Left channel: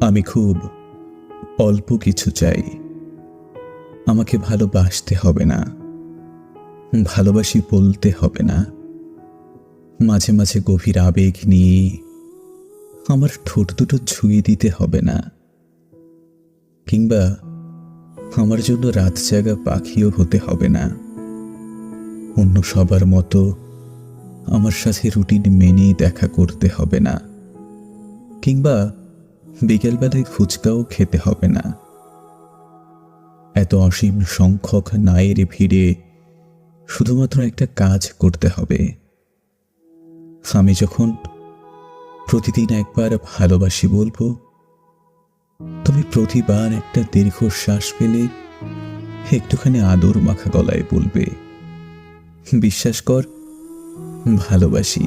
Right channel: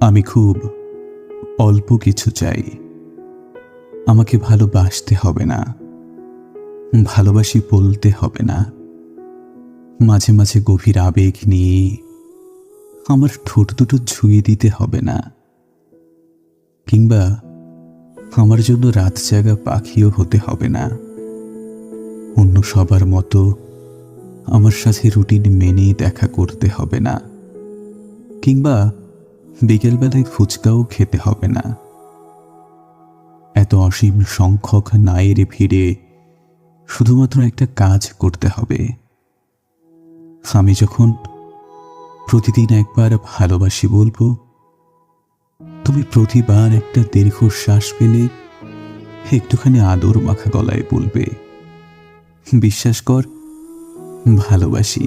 আমি খুব অল্প কিছু চাই। আমাকে ভালোবাসতে হবে না, ভালোবাসি বলতে হবে না। মাঝে মাঝে গভীর আবেগ নিয়ে আমার ঠোঁট দুটো ছুঁয়ে দিতে হবে না, কিংবা আমার জন্য রাত জাগা পাখিও হতে হবে না। অন্য সবার মতো আমার সাথে রুটিন মেনে দেখা করতে হবে না, কিংবা বিকেলবেলায় ফুচকাও খেতে হবে না। এত অসীম সংখ্যক নায়ের ভিড়ে শুধুমাত্র একটা কাজ করতে হবে। আমি যখন প্রতিদিন একবার ভালোবাসি বলবো, তুমি প্রতিবার একটা দীর্ঘশ্বাস ফেলে একটুখানি আদর মাখা গলায় বলবে, বিশ্বাস কর, ভালোবাসি।